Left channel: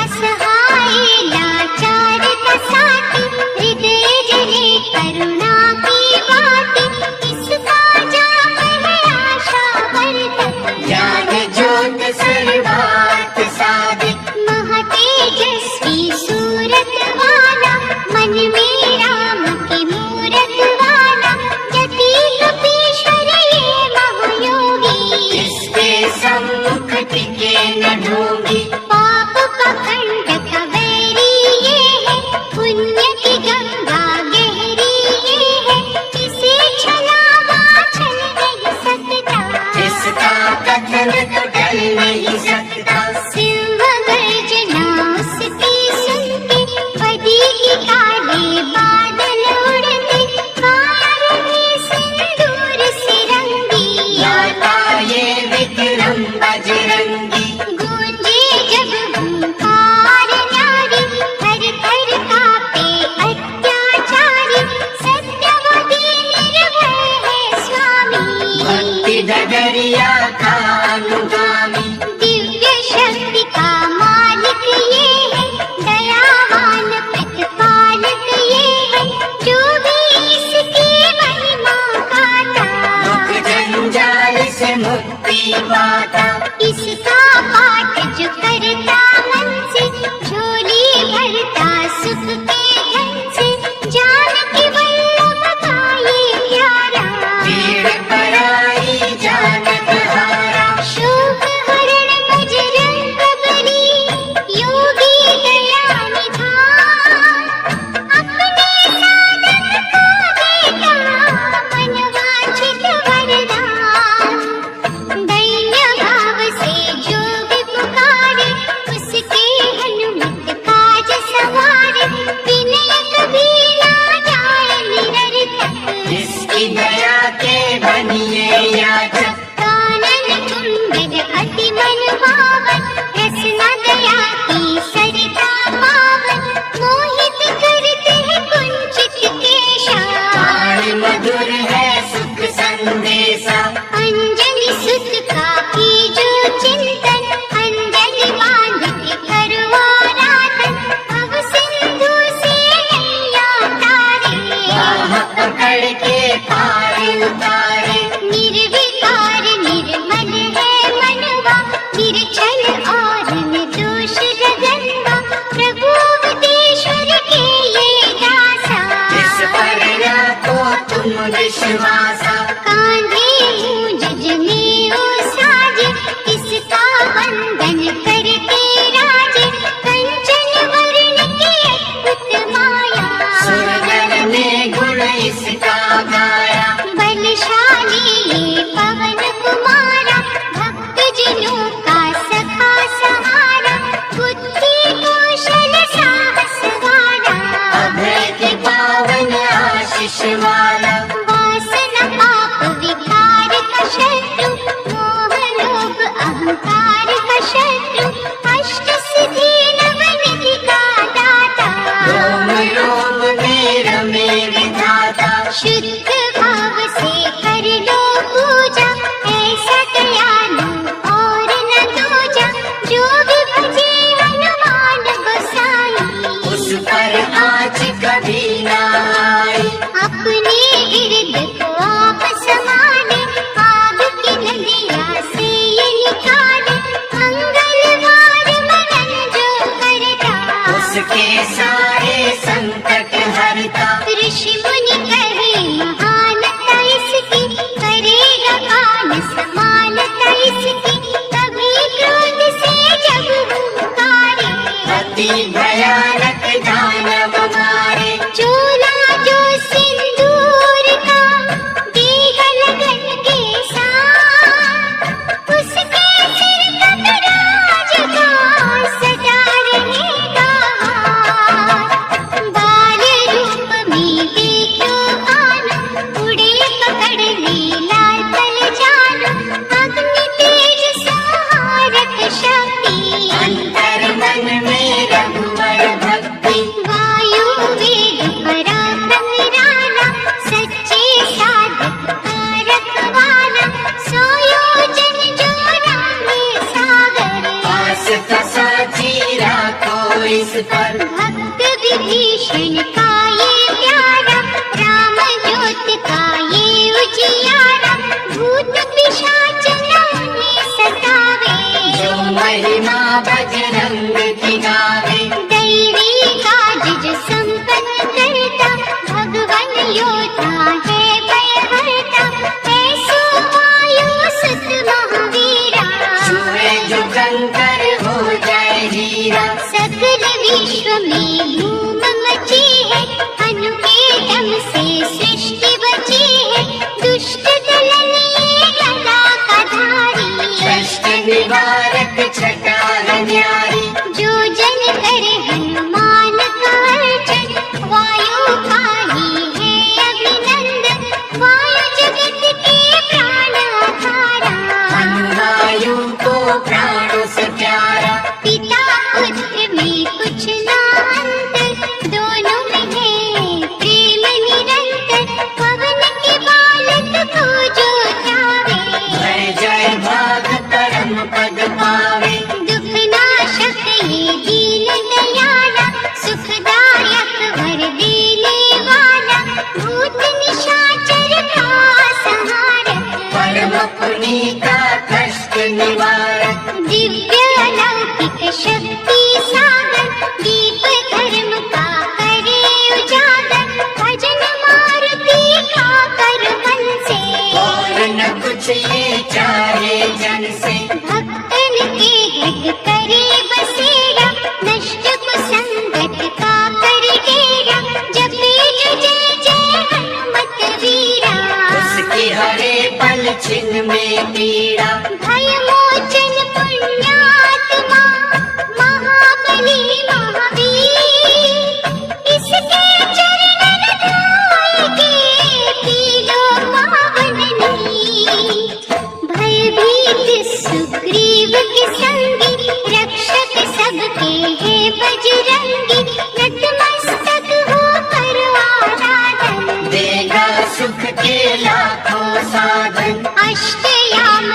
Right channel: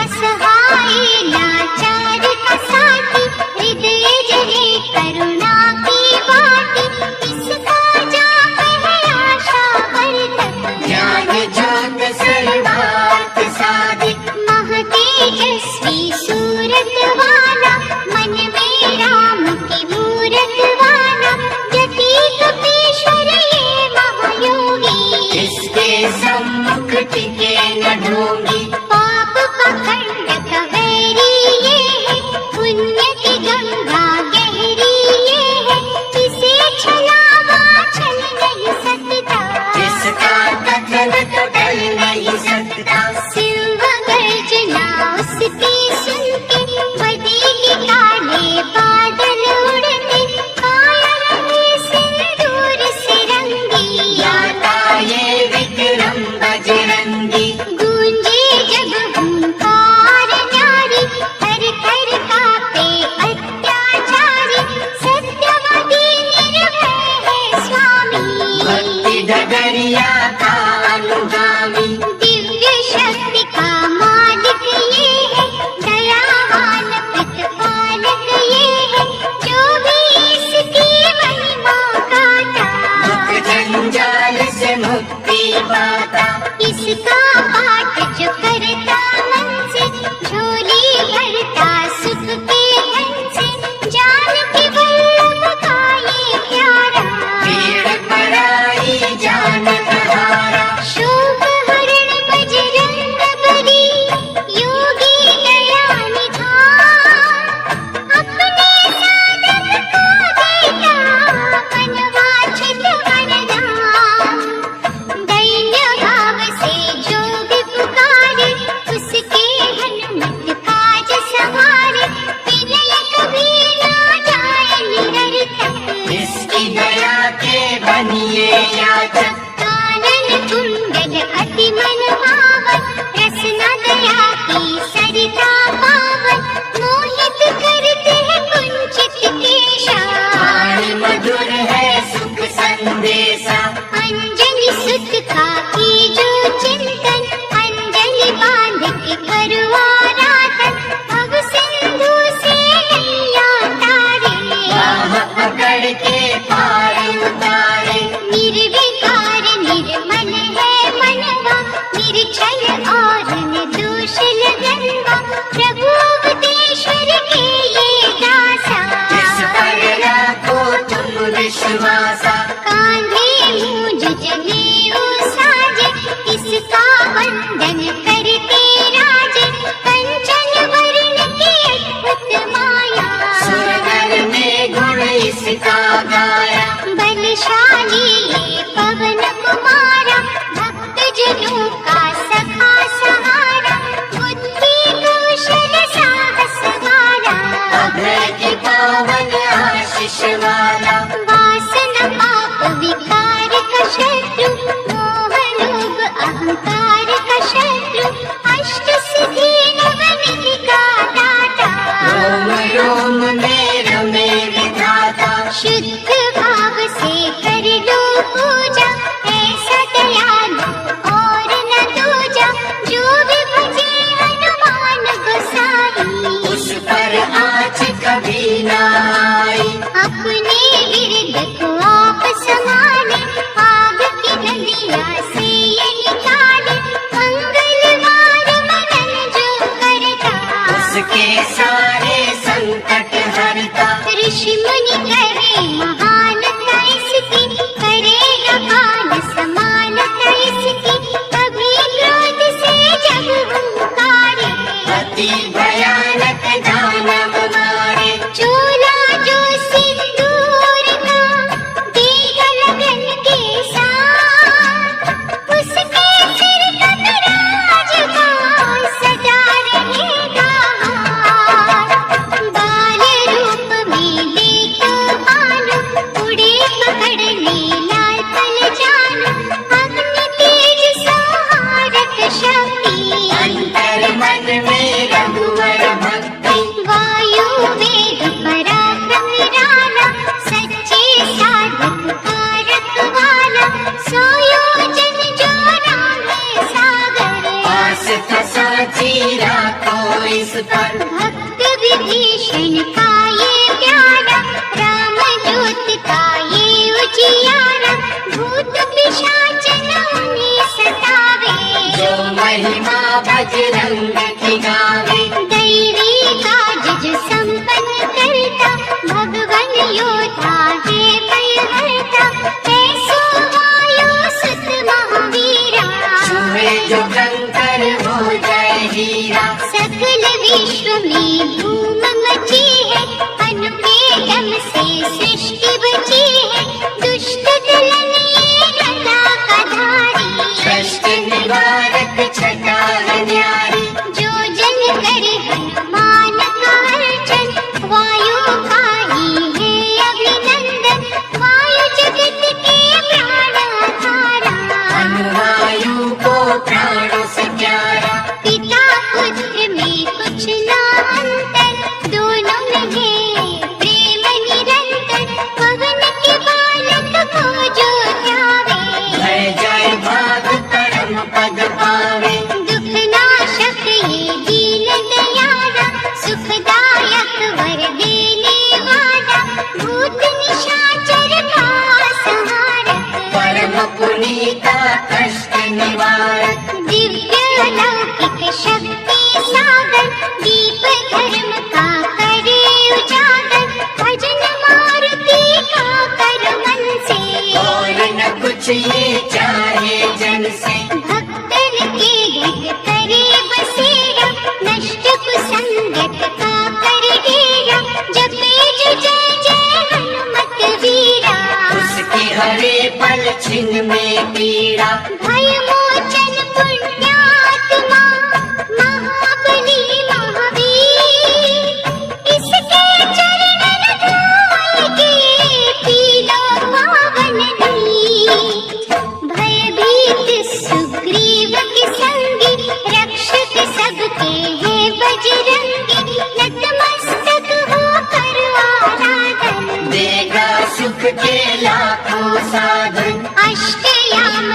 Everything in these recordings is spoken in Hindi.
असहाय लाचार का साथी हृदय जले करुणा भक्त विभीषण का ये प्यारा राम ज्योति विश्व में धूम मची है, अनु के दम से सृष्टि बची है। दुष्ट दुल्हनिये कला कधारी, कष्ट निवारक छटार न्यारी। जो जन करे हनुमान को अर्चन, वायु का ही है अभिनंदन। वायु जगत के प्राणधारा, वायु को प्राणों से प्यारा। पिता पुत्र में कुछ ना अंतर, दोनों में है प्रेम निरंतर। पवन के बालक को जो ध्यावे, जय जय भाग परम पद पावे। दुख नाशक ये दीन दयाला, सुखदायक वर देने वाला। भूत निशाचर का संहारक, परम पुनीता कष्ट निवारक। दिव्य अलौकिक शक्ति सागर, दीप धर्म का करे उजागर। भजन मारुति का कर मन से, और न कुछ ये चाहे जन से। भक्तन के घर करे बसेरा, नष्ट कुसंगत का कर घेरा। जपे जो जय जय हनुमत वीरा, उसकी हरे पल छिन में पीड़ा। भय मोचन पुण्यात्मा, महाबली महावीर। इसके चरण रघुए, तीनों पावन नीर। भयभीत सुग्रीव के संगी, रक्षक सबके हैं बजरंगी। नतमस्तक होकर आराधन, देगा सुख के लाखों साधन। अष्टयाम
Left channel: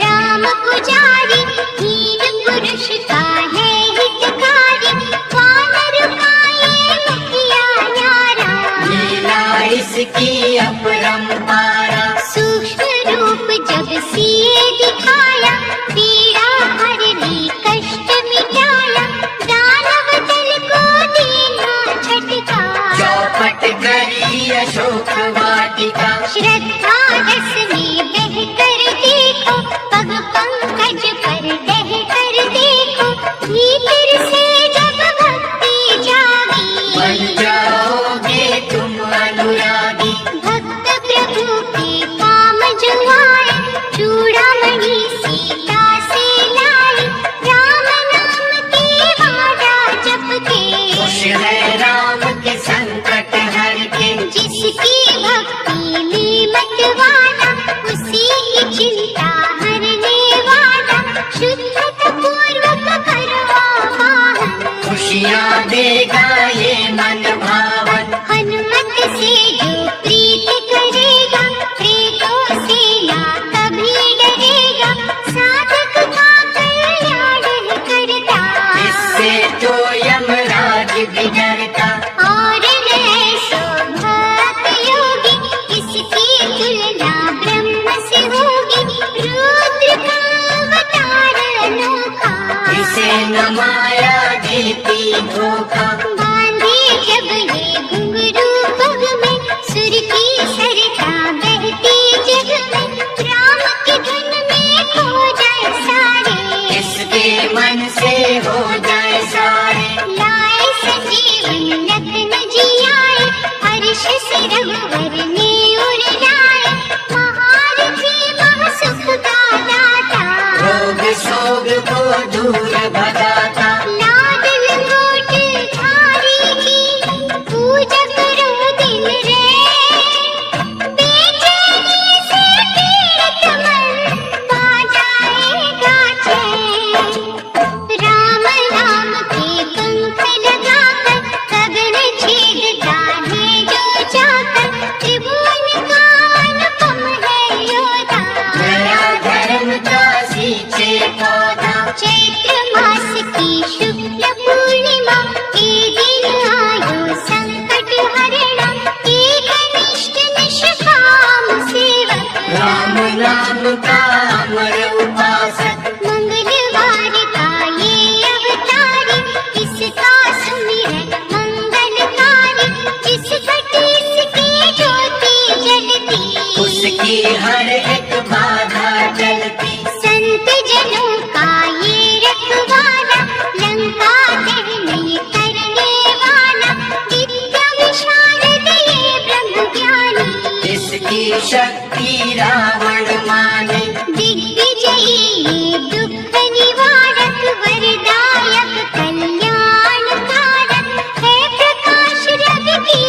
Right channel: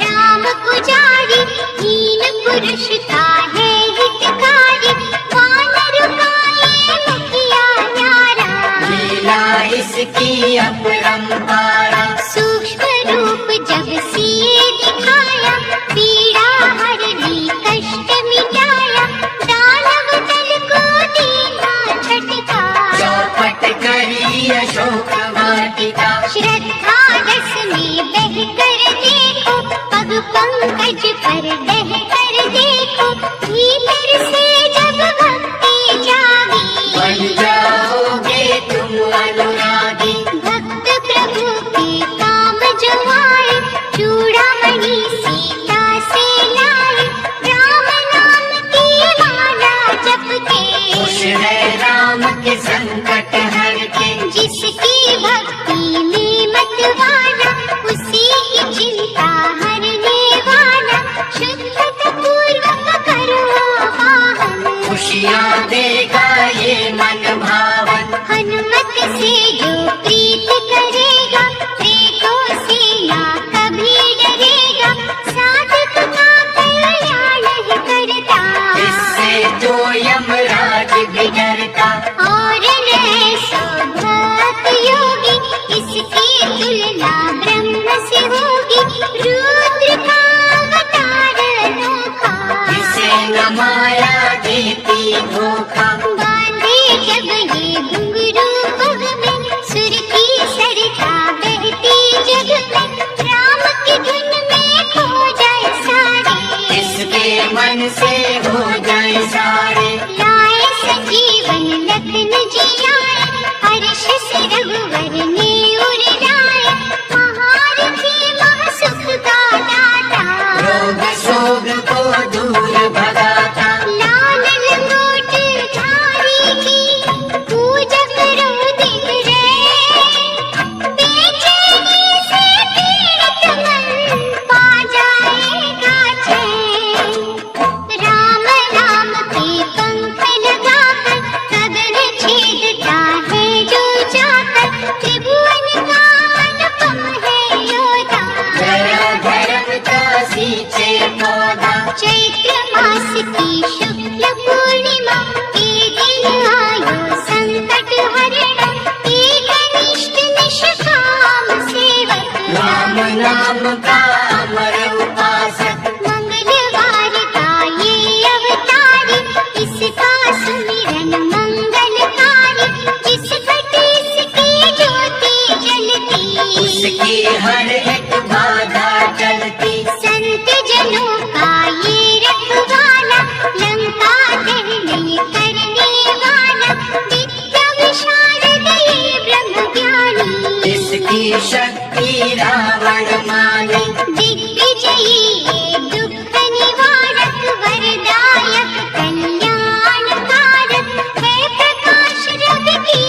राम पुजारी, हीन पुरुष का है हितकारी। वानर काये मुखिया न्यारा, लीला इसकी अपरंपारा। सूक्ष्म रूप जब सिए दिखाया, पीड़ा हर ली कष्ट मिटाया। दानव दल को दीना झटका, चौपट करी अशोक वाटिका। श्रद्धा रस में बहकर देखो, पग पंकज पर बहकर देखो। भीतर से जब भक्ति जागी, बन जाओगे तुम अनुरागी। भक्त प्रभु के काम जो आए, चूड़ामणि सीता से लाए। राम नाम की माला जपके, खुश है राम के संकट हर के। जिसकी भक्ति में मत वाला, उसी की चिंता हरने वाला। शुद्धता पूर्वक करो आवाहन, खुशियाँ देगा ये मन भावन। हनुमत से जो प्रीत करेगा, प्रेतों से ना कभी डरेगा। साधक का कल्याण है करता, इससे तो यमराज बिगड़ता। और न ऐसो भक्त योगी, इसकी तुलना ब्रह्म से होगी। रुद्र का अवतार अनोखा, इसे न माया देती धोखा। बांधे जब ये घुंघरू पग में, सुर की सरधा बहती जग में। राम की धुन में खो जाए सारे, इसके मन से हो जाए सारे। लाए संजीवन रत्न जी आए, हर्ष से रघुवर ने उर लाए। महारथी महासुख का दाता, रोग शोक को दूर भगाता। लाल लंगोट धारी की, पूजा करो दिन रैन। बेचैनी से पीड़ित मन, पा जाएगा चैन। राम नाम के पंख लगाकर, कब्र छेदता है जो जाकर। त्रिभुवन जानी, इसकी शक्ति रावण माने। दिग्विजयी ये दुख निवारक, वरदायक कल्याणकारक, है प्रकाश रवि की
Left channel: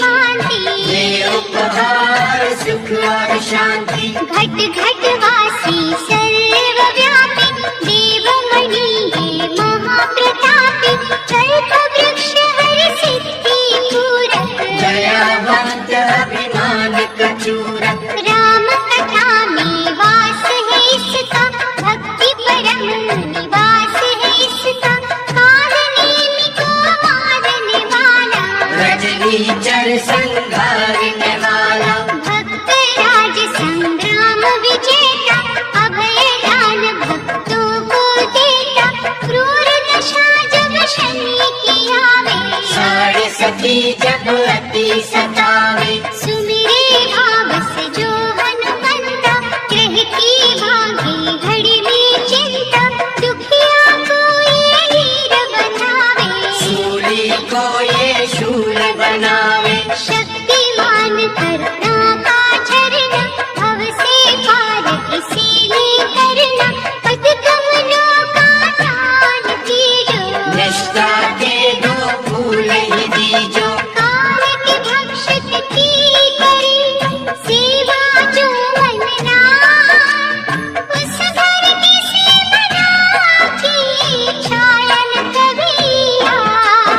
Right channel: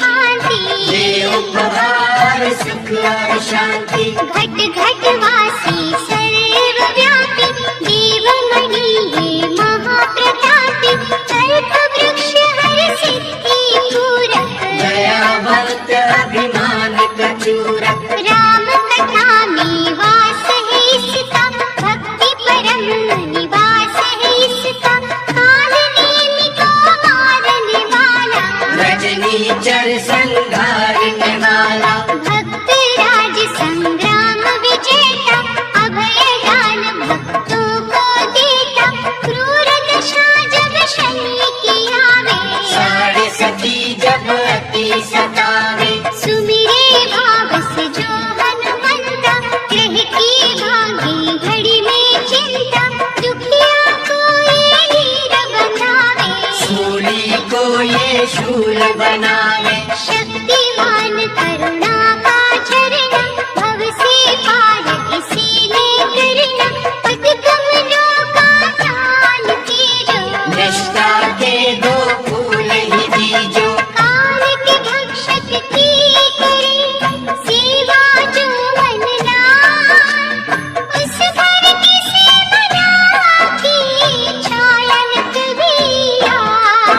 भांति। ये उपहार सुख और शांति, घट घट वासी सर्वव्यापी, देवमणि ये महाप्रतापी, कल्प वृक्ष हर सिद्धि पूरक। दयावंत अभिमानक चूरक, राम कथा में वास है इसका, भक्ति परम निवास है इसका, कालनेमि को मारने वाला, रजनीचर संहारने वाला। भक्त राज संग्राम विजेता, अभय दान भक्तों को देता, क्रूर दशा जब शनि की आवे, साढ़े सखी जब अति सतावे। सुमिरे भाव से जो हनुमंता, कह के भागे घड़ी में चिंता, दुखिया कोई हीर बनावे, सूली को ये शूल बनावे। शक्तिमान करुणा का झरना, भव से पार इसीने करना, पद कमलों का दान कीजो, निष्ठा के दो फूल ही बीजो। काल के भक्षक की करे, सेवा जो मन लाए, उस घर की से बना की छाया न कभी आए।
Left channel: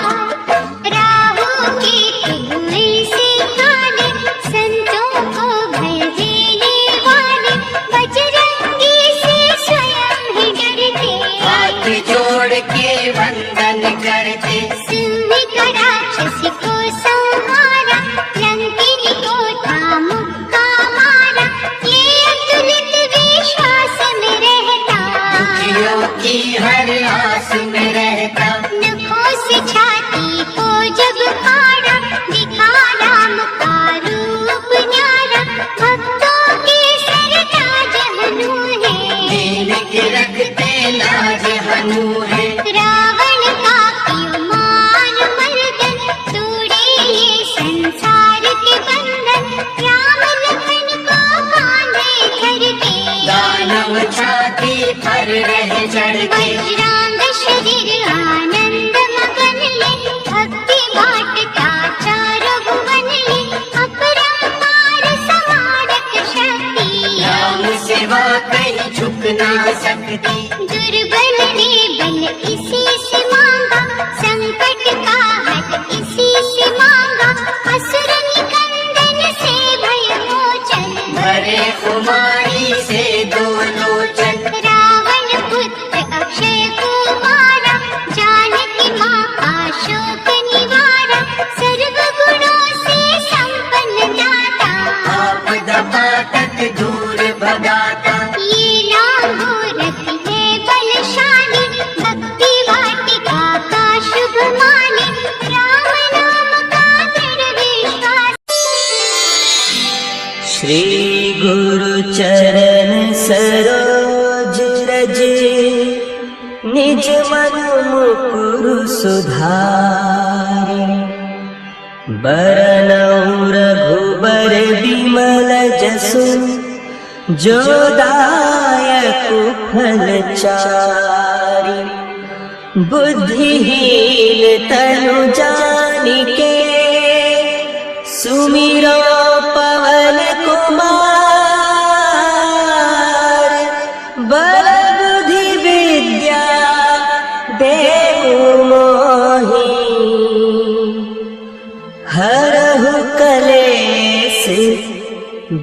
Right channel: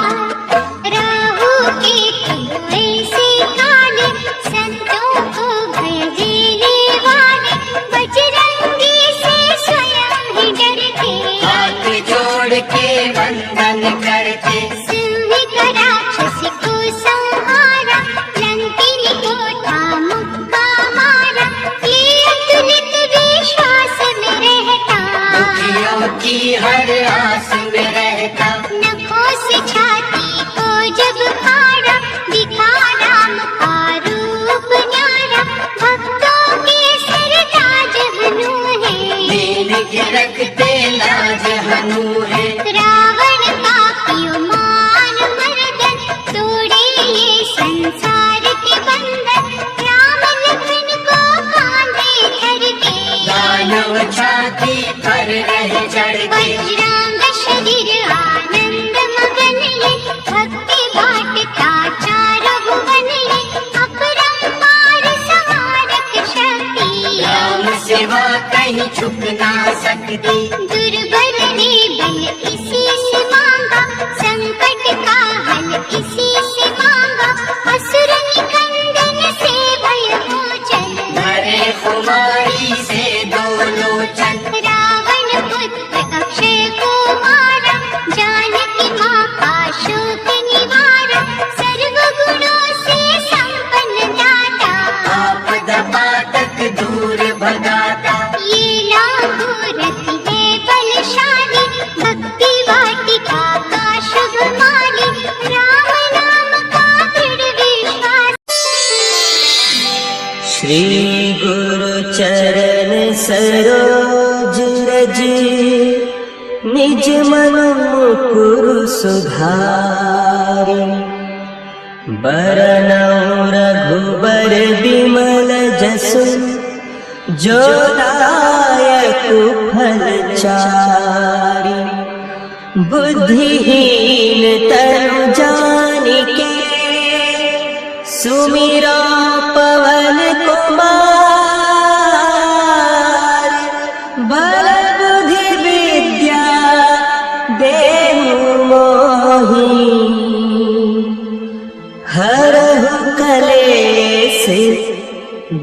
राहु केतु ऐसे काले, संतों को भय देने वाले, बजरंगी से स्वयं ही डरते, हाथ जोड़ के वंदन करते। सिंह का राक्षस को संहारा, रंकिनी को था मुक्का मारा, ये अतुलित विश्वास में रहता, दुखियों की हर आस में रहता। नखों से छाती को जब फाड़ा, दिखा राम का रूप न्यारा, भक्तों के सरताज हनु है, दीन के रखते लाज हनु है। रावण का क्यों मार मर्दन, तोड़े ये संसार के बंधन, राम लखन को कांधे करके, दानव छाती पर रह चढ़के। बजरंग शरीर आनंद मगन ये, भक्ति बाटता चारों भुवन ये, अपरंपार संहारक शक्ति, राम सेवा कहीं झुक ना सकती। दुर्बल ने बल इसी से मांगा, संकट का हल इसी से मांगा, असुर निकंदन से भय मोचन, भरे कुमारी से दो लोचन। रावण पुत्र अक्षय कुमारा, जानकी माँ का शोक निवारा, सर्व गुणों से संपन्न दाता, आपद पातक दूर भगाता। ये लांगोरथ है बलशाली, भक्ति वाटिका का शुभ माली, राम नाम का दृढ़ विश्वास। श्री गुरु चरण सरोज रज, निज मनु मुकुरु सुधार, बरनउँ रघुबर विमल जसु, जो दायक फल चारि। बुद्धिहीन तनु जानिके, सुमिरो पवन कुमार। बल बुद्धि विद्या देहु मोहि, हरहु कलेश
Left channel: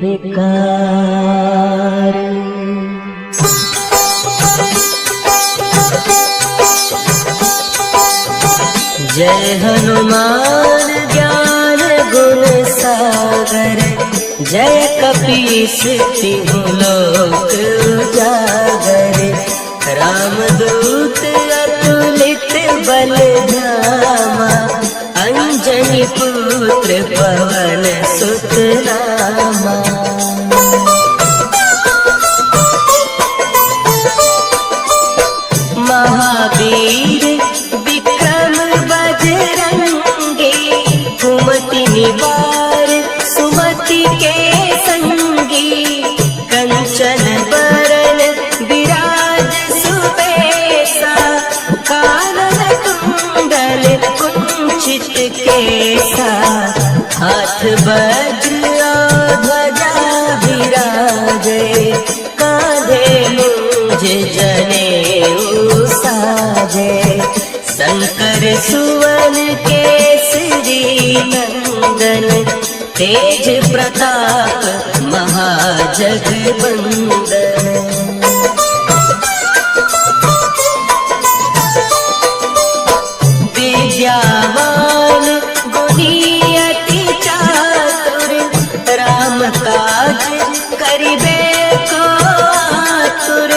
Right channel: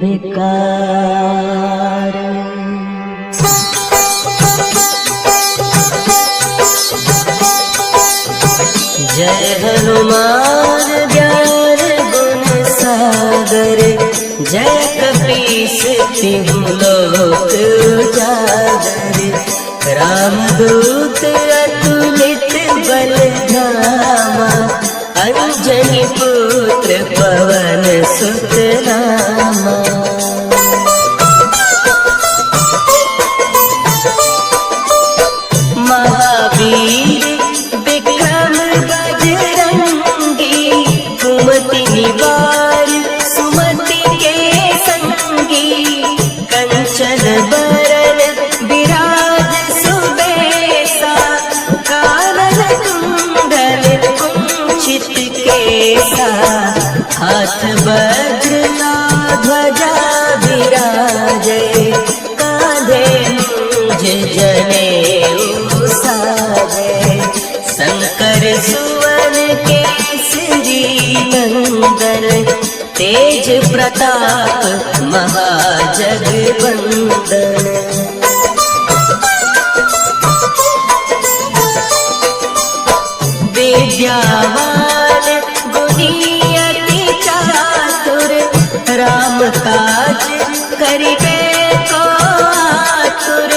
विकार। जय हनुमान ज्ञान गुण सागर, जय कपीस तिहुँ लोक उजागर। रामदूत अतुलित बल धामा, अंजनी पुत्र पवन सुत नामा। महावीर विक्रम बजरंगी, कुमति निवार सुमति तेज प्रताप महाजगवंदन। विद्यावान गुणी अति चातुर, राम काज करिबे को आतुर।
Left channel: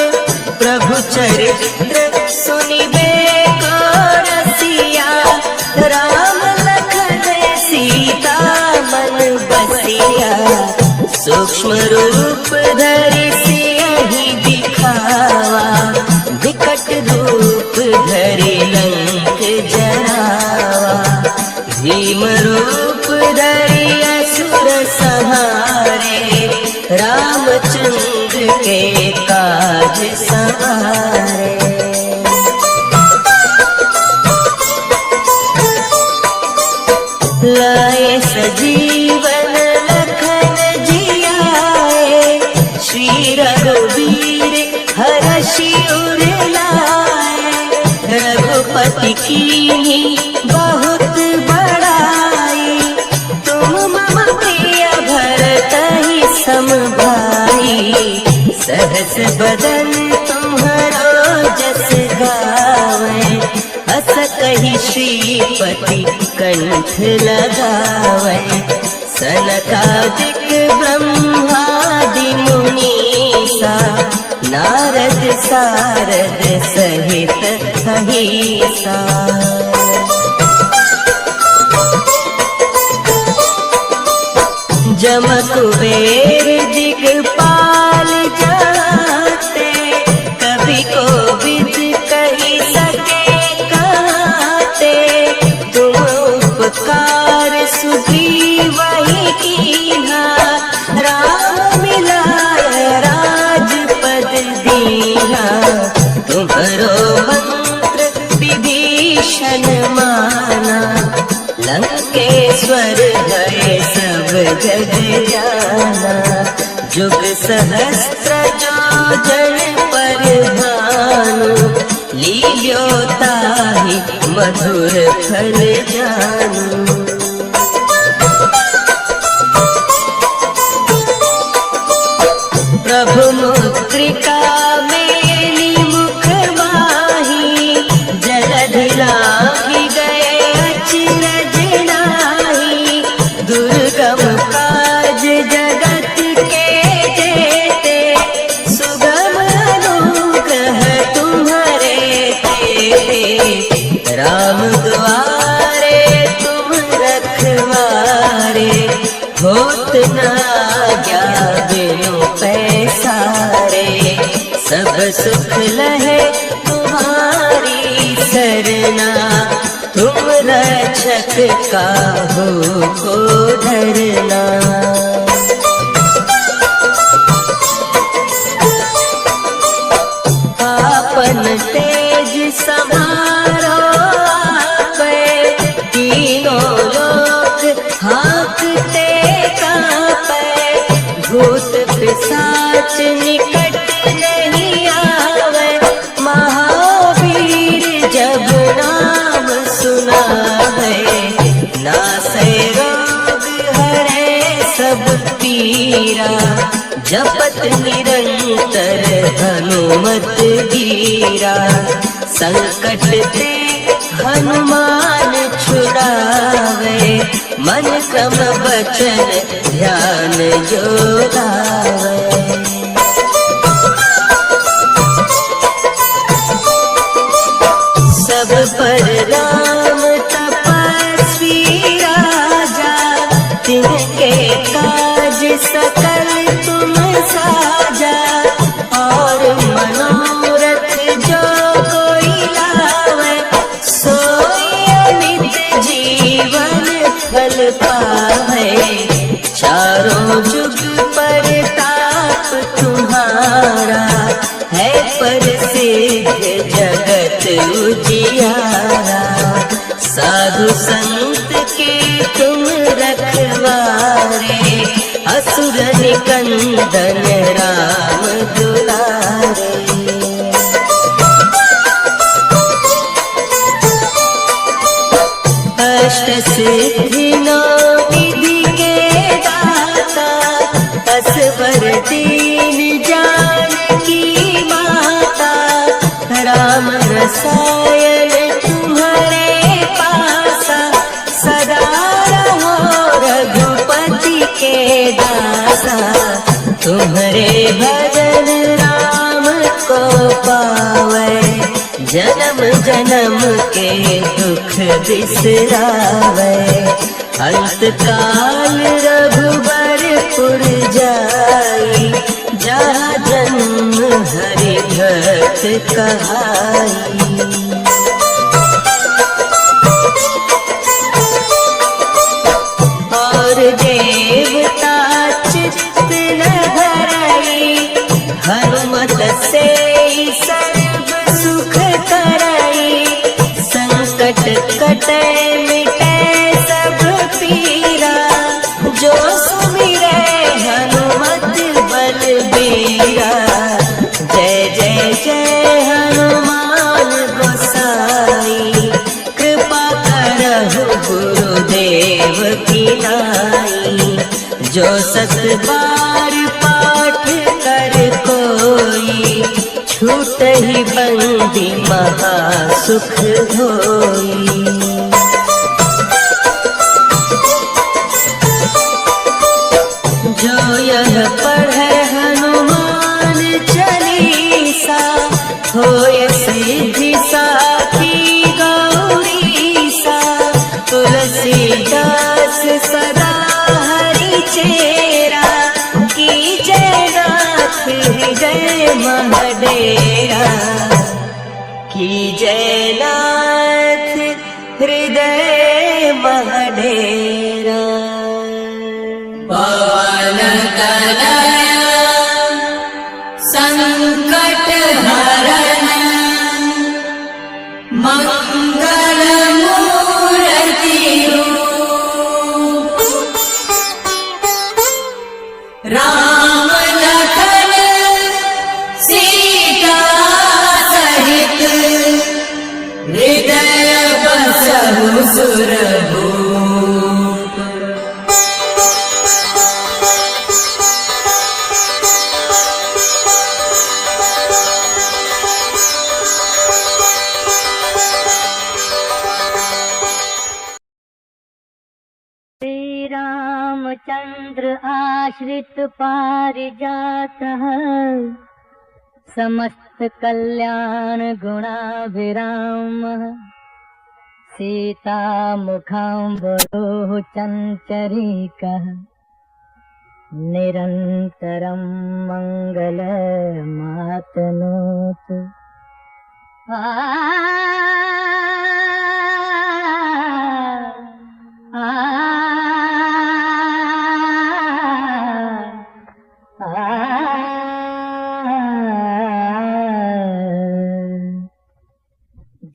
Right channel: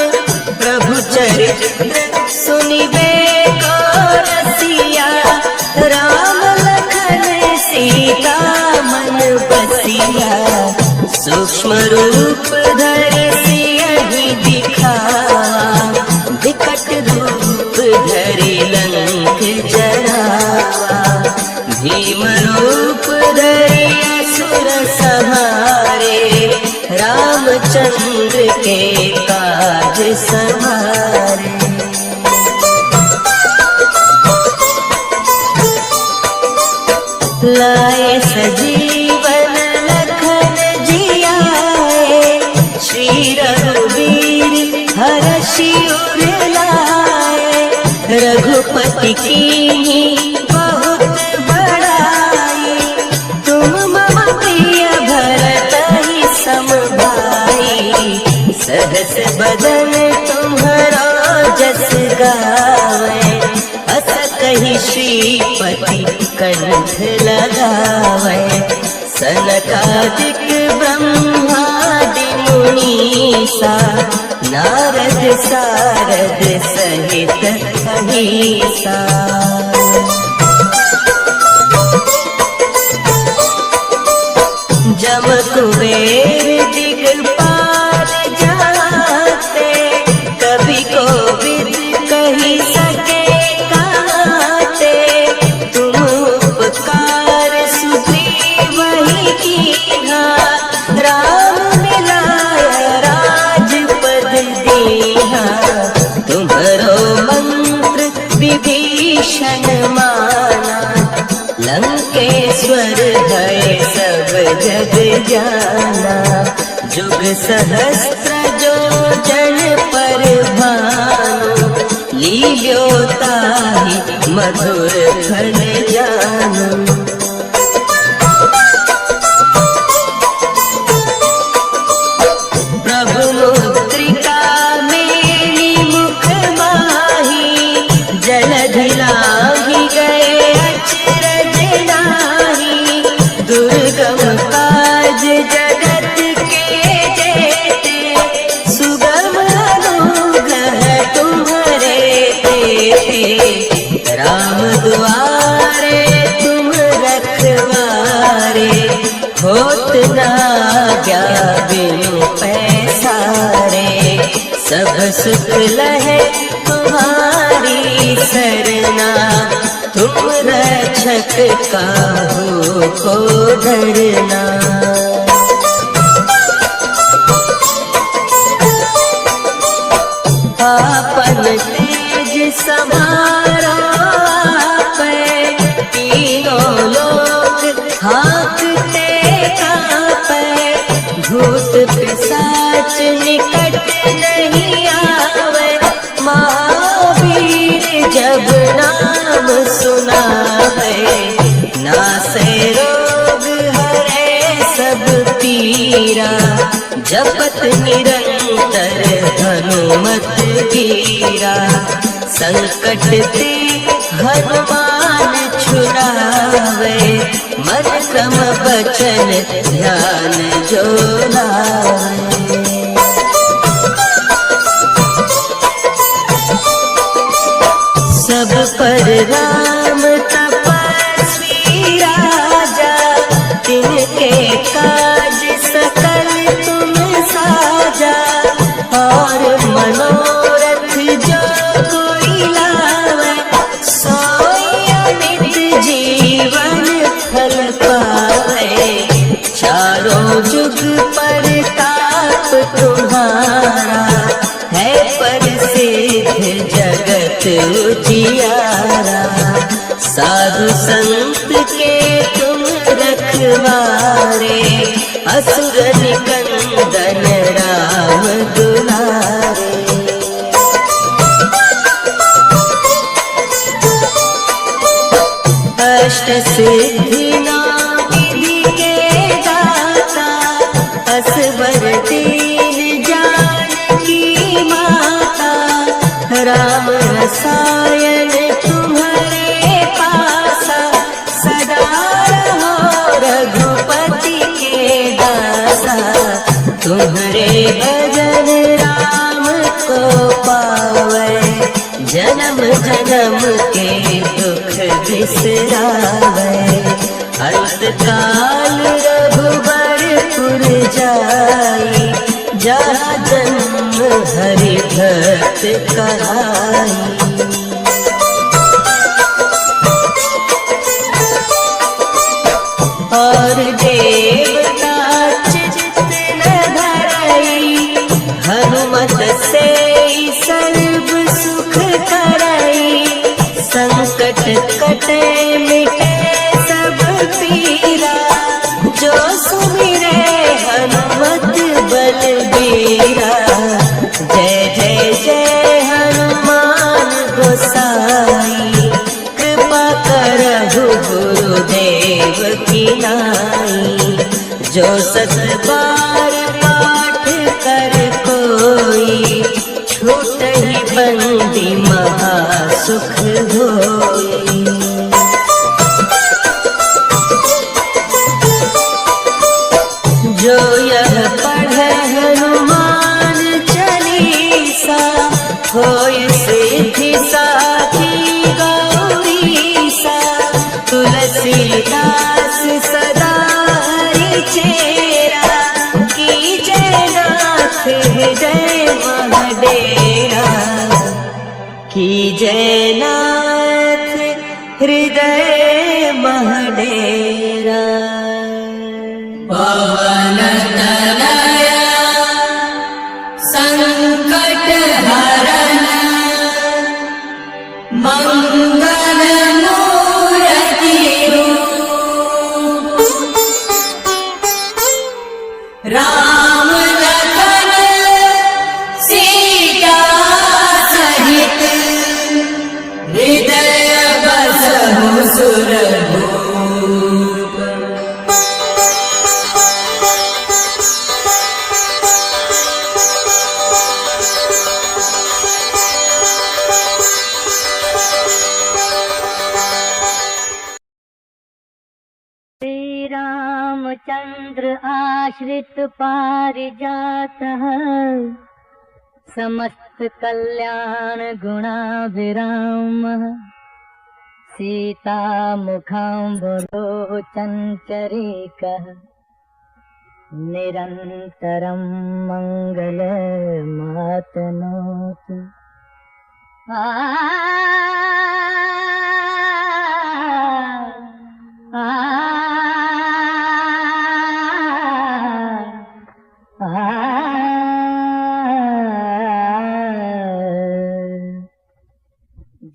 प्रभु चरित्र सुनिबे को रसिया, राम लखन सीता मन बसिया। सूक्ष्म रूप धरि सियहि दिखावा, विकट रूप धरि लंक जरावा। भीम रूप धरि असुर संहारे, रामचंद्र के काज सवारे। लाए सजीवन लखन जियाए, श्री रघुवीर हर्षि उर लाए। रघुपति कीन्ही बहुत बड़ाई, तुम मम प्रिय भरतहि सम भाई। सहस बदन तुम्हरा जस गावे, अस कहि श्रीपति कंठ लगावे। सनकादिक ब्रह्मादि मुनीसा, नारद सारद सहित अहिसा। जम कुबेर दिगपाल जाते, कवि कोविद कहि सके कहते। तुम उपकार सुग्रीवहि कीन्हा, राम मिलाय राजपद दीन्हा। तुम्हरो मंत्र विभीषण माना, लंकेश्वर है सब जग जाना। जुग सहस्त्र जो जन पर भानु, लील्यो ताहि मधुर फल जानू। प्रभु मुद्रिका मेरी मुख माही, जलधि लांघि गए अचरज नाहि। दुर्गम काज जगत के जेते, सुगम अनुग्रह तुम्हरे तेते। राम दुआरे तुम रखवारे, होत न आज्ञा बिनु पैसारे। सब सुख लहै तुम्हारी सरना, तुम रक्षक काहू को डरना। आपन तेज समारो आपै, तीनों लोक हाँकते काँपै। भूत पिशाच निकट नहीं आवे, महावीर जब नाम सुना है। नासै रोग हरे सब पीरा, जपत निरंतर हनुमत धीरा। संकट ते हनुमान छुड़ावे, मन क्रम वचन ध्यान जो लावे। सब पर राम तपस्वी राजा, तिनके काज सकल तुम साजा। और मनोरथ जो कोई लावे, सोई अमित जीवन फल पावे। चारों जुग परताप तुम्हारा, है प्रसिद्ध जगत उजियारा। साधु संत के तुम रखवारे, असुर निकंदन राम दुलारे। अष्ट सिद्धि नौ निधि के असवर दीन जानकी माता, राम रसायन तुम्हारे पासा, सदा रहो रघुपति के दासा। तुम्हारे भजन राम को पावे, जन्म जन्म के दुख बिसरावे। अंत काल रघुबरपुर जाई, जहाँ जन्म हरि भक्त कहाई। और देवता चित्त न धरई, हनुमत से सर्व सुख करई। संकट कटे मिटे सब पीरा, जो सुमिरै हनुमत बलबीरा। जय जय जय हनुमान गोसाई, कृपा करहु गुरुदेव की नाई। जो सत बार पाठ कर कोई, छूटहि बंदी महा सुख होई। जो यह पढ़े हनुमान चालीसा, होय सिद्धि साखी गौरीसा। तुलसीदास सदा हरि चेरा, कीजय नाथ हृदय मह डेरा। कीजय नाथ हृदय मह डेरा। पवन तनय संकट हरण, मंगल मूर्ति राम लखन सीता सहित, हृदय बसहु सुरभूप। श्री रामचंद्र आश्रित पारिजातः, समस्त कल्याण गुणाभिरामः। सीता मुखाम्बुरोः चञ्चरीकः, निरन्तरं मङ्गलमातनोतु।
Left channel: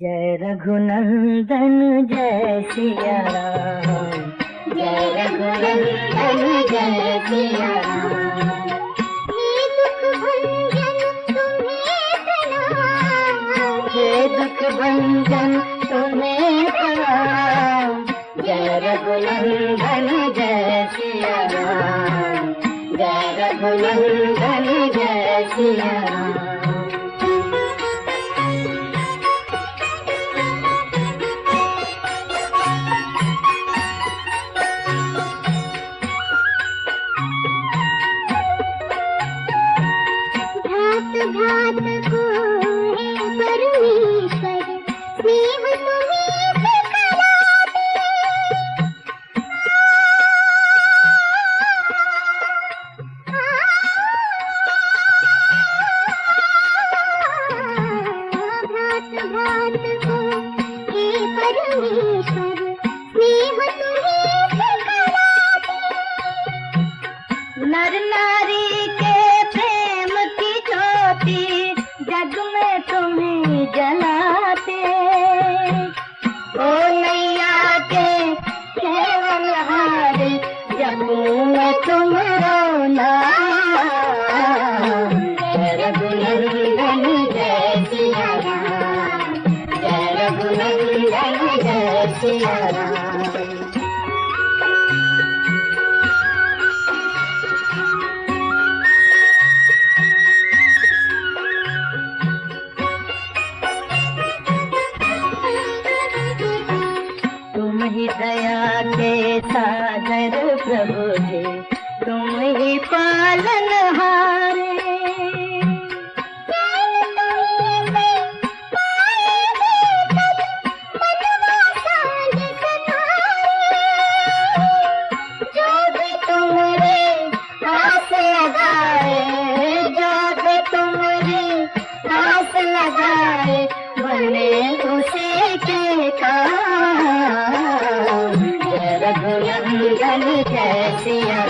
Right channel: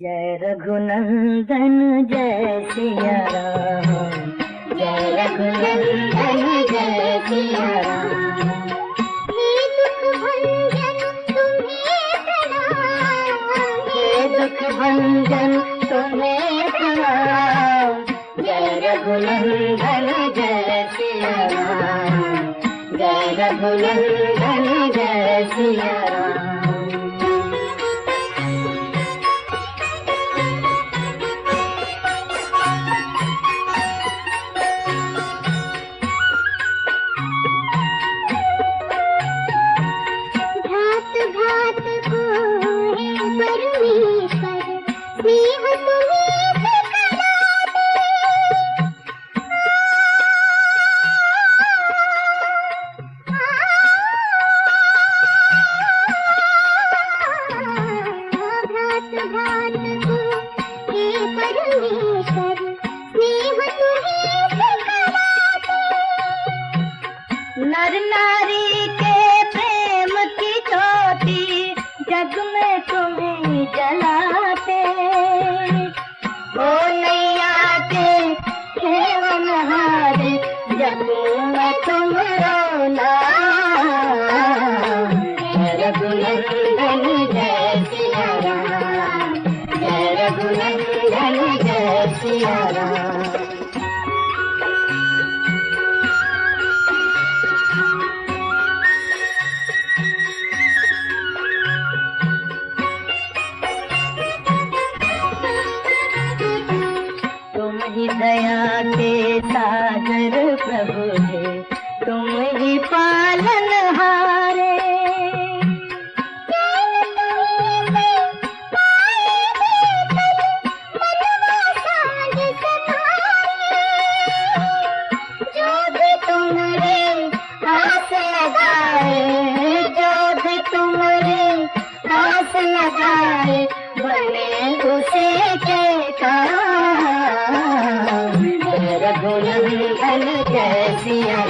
जय रघुनंदन जय सिया राम, जय रघुनंदन जय सिया राम। हे दुख भंजन तुम्हें प्रणाम, हे दुख भंजन तुम्हें प्रणाम। जय रघुनंदन जय सिया राम, जय रघुनंदन जय सिया राम। घात घात को है परमेश्वर, स्नेह तुम्हें दिखलाते। घात घात को है परमेश्वर, स्नेह तुम्हें दिखलाते। नर नारी के प्रेम की ज्योति, जग में तुम्हें जलाते। ओ नैया के खेलनहार, जगों में तुम्हारो नाम। जय रघुनंदन जय सिया राम, जय रघुनंदन जय सिया राम। प्रभु जी तुम ही पालनहारे। जो भी तुमरे आस लगाए, जो भी तुमरे आस लगाए, बने उसी के काम। जय रघुनंदन जय सिया